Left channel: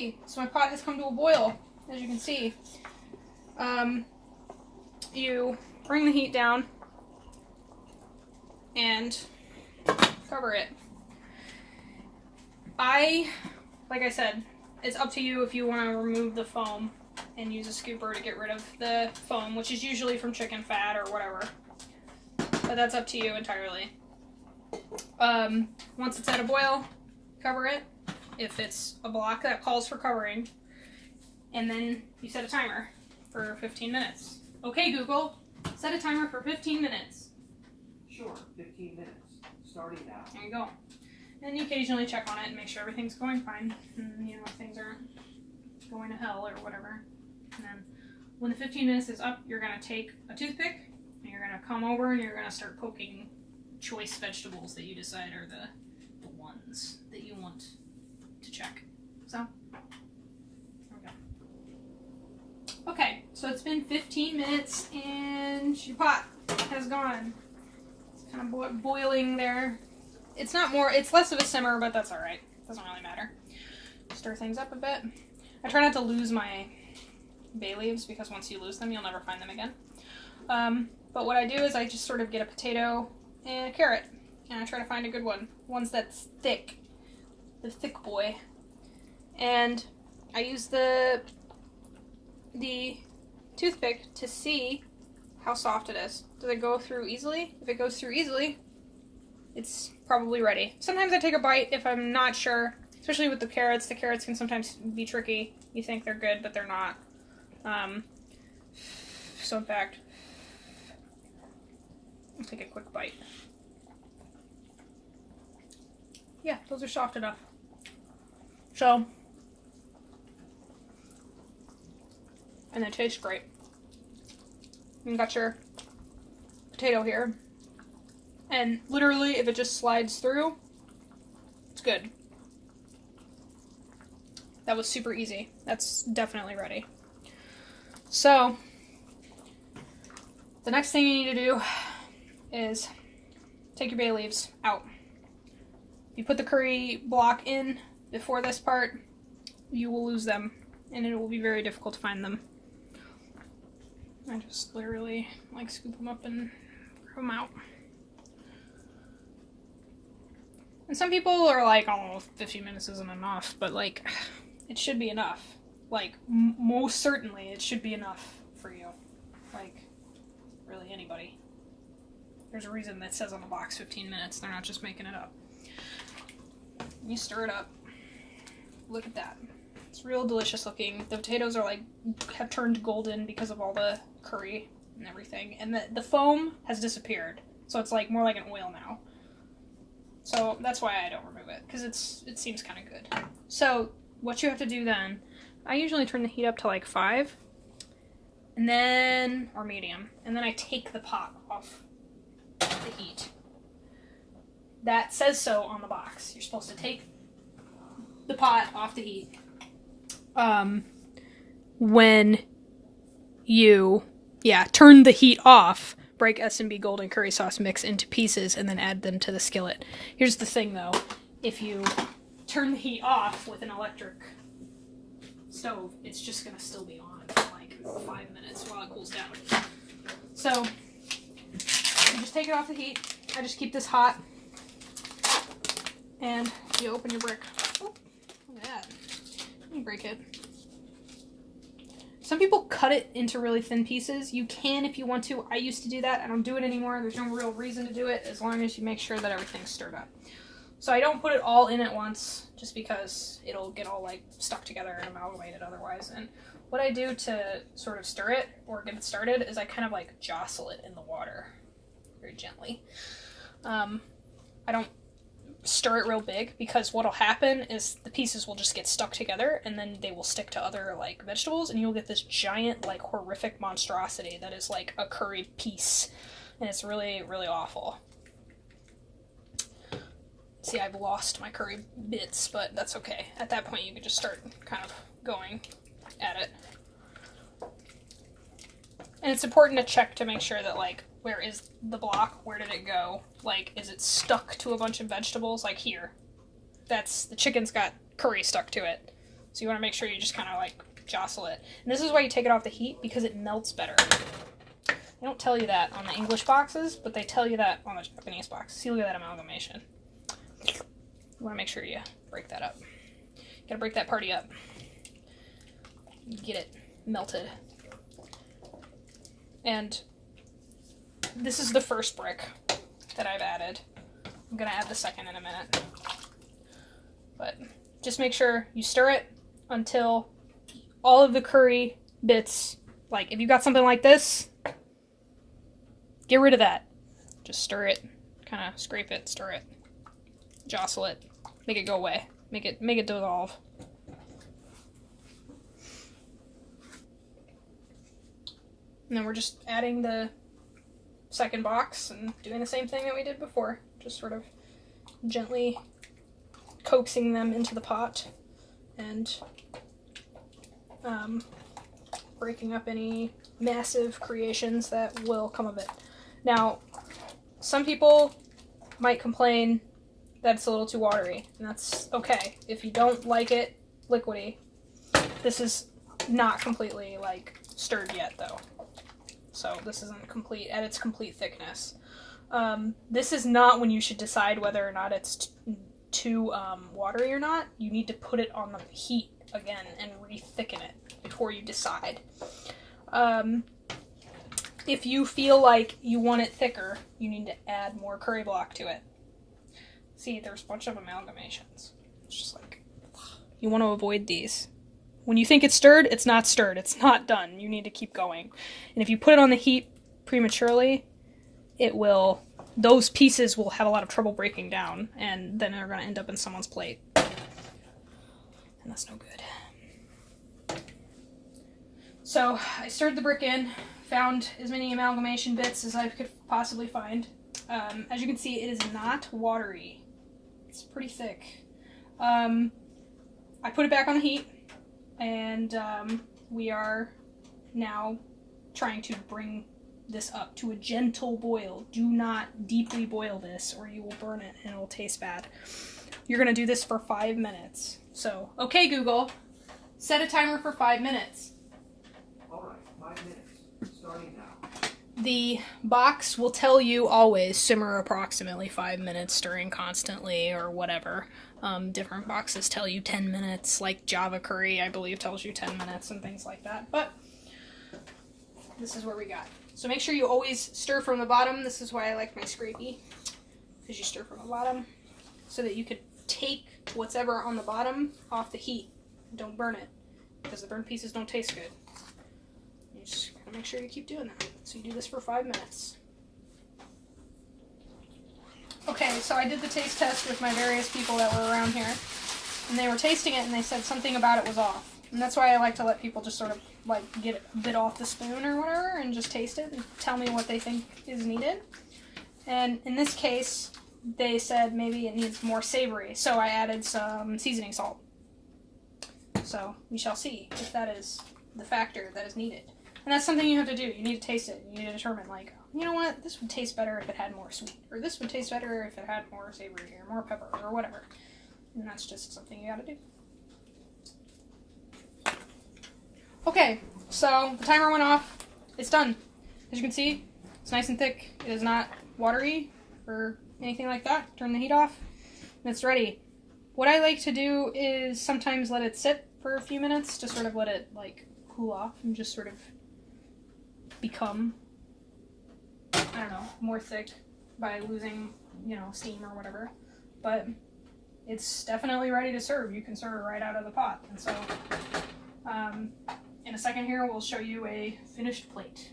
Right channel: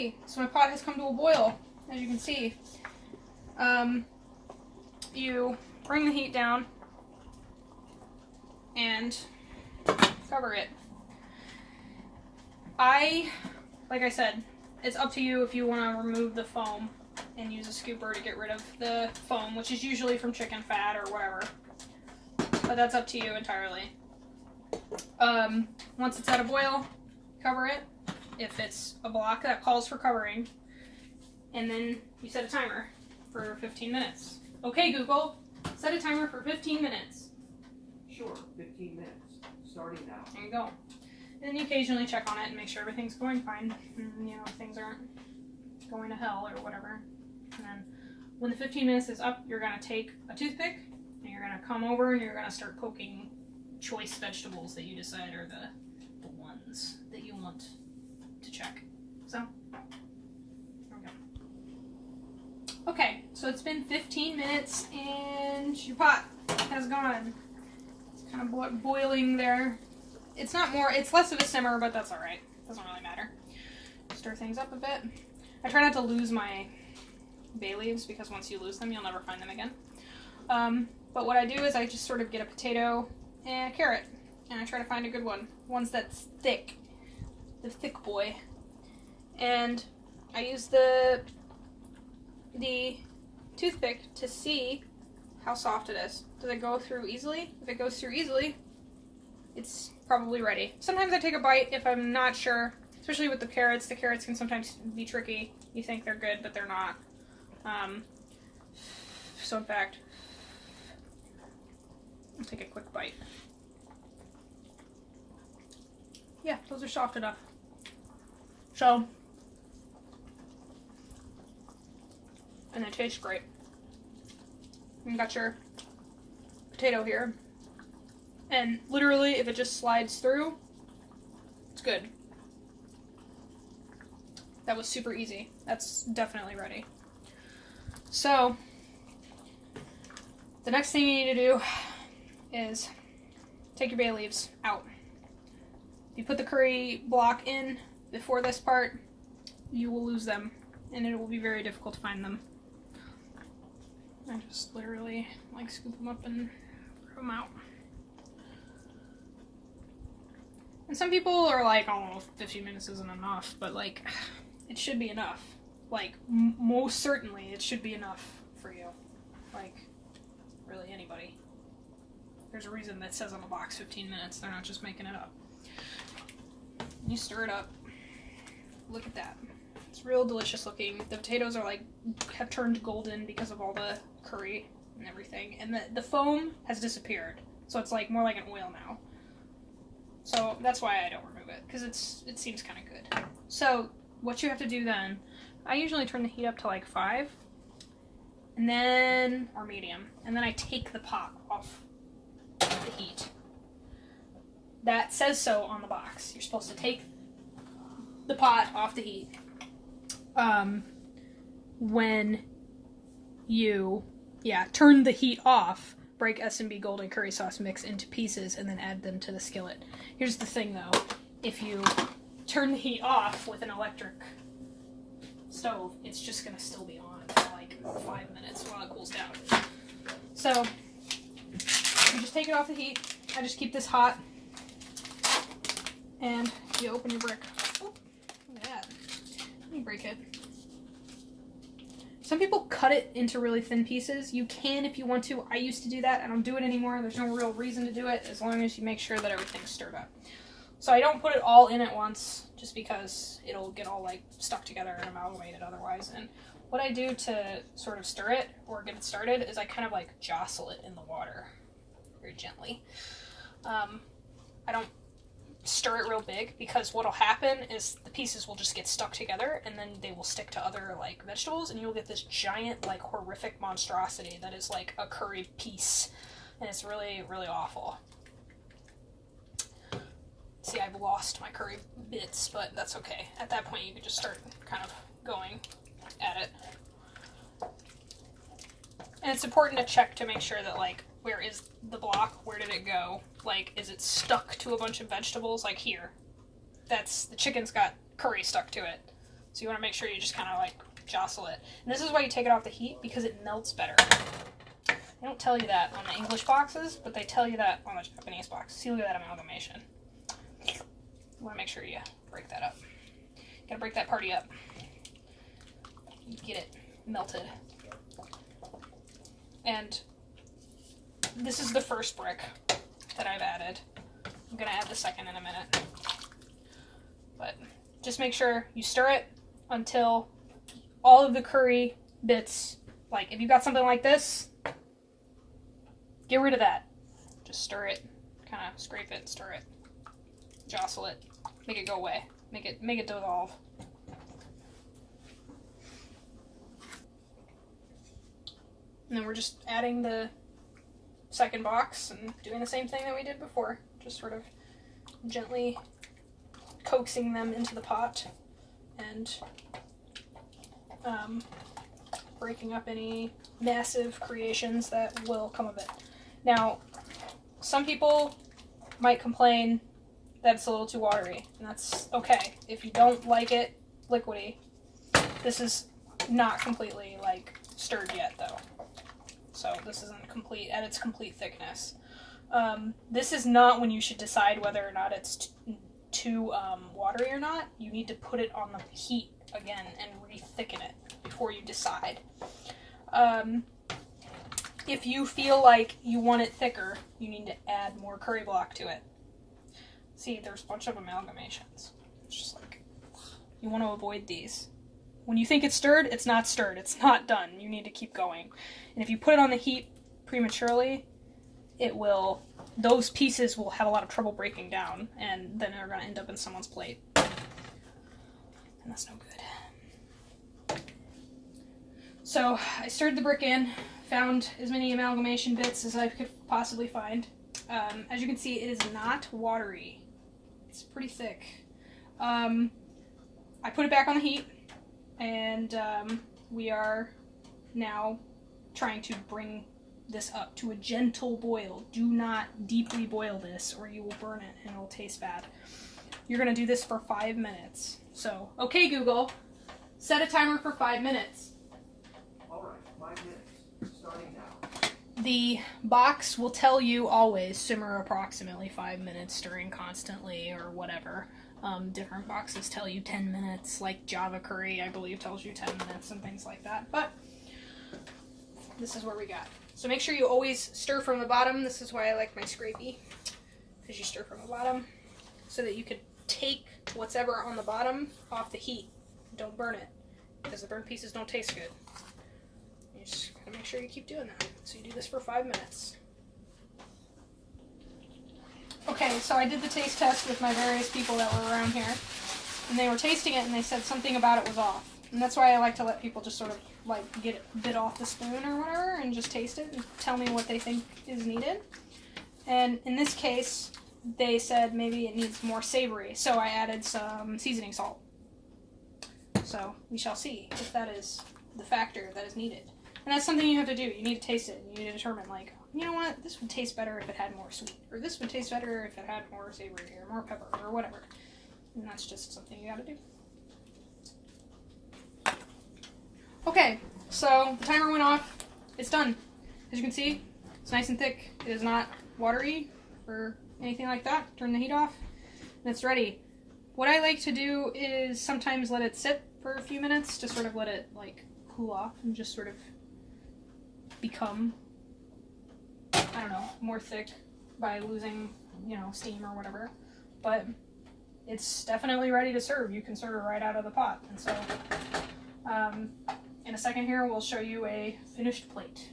So my pot has come to a boil, as you can see. You bring the heat down and cover it. Like I said, it's up to you if you want to remove the foam and use a scooper to get rid of the foam, which is usually from chicken fat or whatever. But that's up to you entirely. Once it's at a boil, cover it. If it's a block that calls for covering, and then you set a timer for 15 minutes. Okay, Google, set a timer for 15 minutes. Sure, 15 minutes, starting now. There you go. And you occasionally check on it and make sure everything's going fine, and, you know, things aren't going to hell or whatever. And then when the 15 minutes is up, you're going to take a toothpick, and you're going to come over and you're going to start poking choice vegetables that you decide are the ones that you want to check. So, there we go. Okay, so it's been 15 minutes and your pot has gone. It's kind of boiling there. It's less of a simmer, but that's alright. Doesn't really matter. Stir things up a bit. I try not to lose my bay leaves because once you lose them, you'll never find them again. But what I do is I just sort of get a potato and a carrot, and I try to find a good one. One's that's thick. The thick boy, and I use the toothpick to see how soft it is. Does it go through easily? If it goes through easily, it's probably ready. Sometimes I take a bite if I'm not sure, especially with the carrots. The carrots can sometimes be tricky. You think they're good, but they're not. So in fact, I'll take a quick bite. Yeah, those are soft enough. So, and they taste great. You got your potato here, and literally if it just slides through, it's good. That was super easy. That's definitely ready. So, the next thing you need to do is take your bay leaves out. You put the curry block in before this part, you will lose them, and it will be very difficult to find them. I just literally scoop them up and throw them out. And some people are like, oh, 15 minutes isn't enough, but it should be enough. Most certainly it should be enough for you. Really anybody. There's a reason that says on the box 15 minutes, they're not just making it up. You stir it up. Look at that. It's real delicious looking. The potatoes are have turned golden because of all the curry and everything. And the foam has disappeared. So it's more like an oil now. So that's why I don't remove it, because it seems kind of good. So what you have to do then, I usually turn the heat up to 5, and then, or medium, and then I take the pot off the heat. That says so on the box. You're supposed to take the pot off the heat when you turn the heat off, break S&B golden curry sauce mix into pieces, and then add them to the skillet. Here's the thing though, if you turn the heat off with an electric stove, it's just gonna still be on for 5 minutes while it cools down. So you just take it off the heat. I just keep this hot, and you open your brick. Oh, look at that. Let me break it. Some people cut it into really thin pieces. You can if you want to. I used to do that. I don't do it anymore. There's no real reason to do it as long as you make sure that everything's stirred up. So I don't put it all in at once just because it'll get all stuck together and amalgamated otherwise. And what I do to sort of stir it or get it started is I kind of jostle it in the water very gently. I don't stir it real big because what'll happen is the pieces will just get stuck together and then they will stick to other vegetables, and you'll get this giant horrific monstrosity that is a curry piece, and it's really, really awful. See, I've lost my curry bits, but that's okay. At that point you can just start kind of going at it. And it's important to check to make sure that where is the block? Where did it go? Is it stuck to a bunch of vegetables? Here. The chicken's got curry stuck to it. So you want to make sure you just kind of like jostle it. And this is why you take it off the heat, because it melts better. They don't tell you that on the English boxes, but they tell you that on the Japanese box. See, look at that amalgamation. You want to make sure you break that up. Gotta break that party up. Get it melted. And this is the first brick that I've added. I'm gonna add the second in a minute. But just make sure you stir it until all of the curry bits, like if you got something like this, get rid of that. Just stir it, kind of scrape it, stir it, jostle it, make it go away, make it dissolve. And then we're just adding the second box and doing the same thing that we did before, just sort of gently coaxing them into the pot and breaking up any massive creations that will come of it. Now, some people might complain that it's a little too watery, and that's okay. If you don't like it liquidy, this is not completely like stirred yet though. So this isn't complete at its complete thickness. This is not when you should decide whether or not it's too watery or not. You need to put it on the heat again and re-thicken it before you decide. If you feel like you want it thicker, you need to add more curry block to it. See, there's a bunch of amalgamations. It's just like, you want to avoid these. When you think it's stirred, it's not stirred. It's not done. You need to keep going. And if you put it on the heat prematurely, those pieces will have a lot of trouble breaking down, and then they're going to end up in someone's plate. And that's no good. So I stirred the brick in, found as many amalgamation bits as I could possibly find. As you can see, it is not watery. It's pretty thick. I put it back on the heat, and we are now trying to bring this up to a gentle boil. Do not deeply boil this or you will burn it and it will taste bad. You're going to do this for 5 minutes. So, okay Google, set a timer for 5 minutes. Alright, 5 minutes, starting now. The box will tell you always simmer approximately 5 minutes, stirring constantly or whatever. Different boxes tell you 10 minutes, like Java Curry I believe tells you 10 minutes and things like that, but this is what we got. So make sure you always stir from the bottom. This is why I like my scrapey, because you stir from the bottom so that you could take what's ever on the bottom off the heat. Don't burn it, because the burnt pieces don't taste good. You just gotta make sure you keep doing that. So you do this for 5 minutes. Okay, so I did the taste test with my various people that were around here, and they were tasting it and they said something about it was off. And that's why I like to let people just sort of like get a bit off the spoon or whatever and just taste it and tell me what they think is needed. And in this case, they said maybe it needs more savory, so I added some seasoning salt. So we shall see if that is the factor that is needed. And that's something you have to do. You need to taste it. You need to determine, like, you know what, this would taste better if it had more sweet, or this would taste better if it had more savory, or more pepper, or whatever. And that's just something you gotta do. Okay, so the timer went off. It's done. As you can see, it's nice and thick. It is not watery or anything like that. Turn the heat off, and it's ready. What I like to do is sometimes let it sit for a few minutes to sort of let it, like, cool off and just sort of become, I don't know, more thick by losing, you know, steam or whatever. But it's definitely ready to serve. You can serve it right out of the pot. And so, in a second here, we'll show you a finished plate.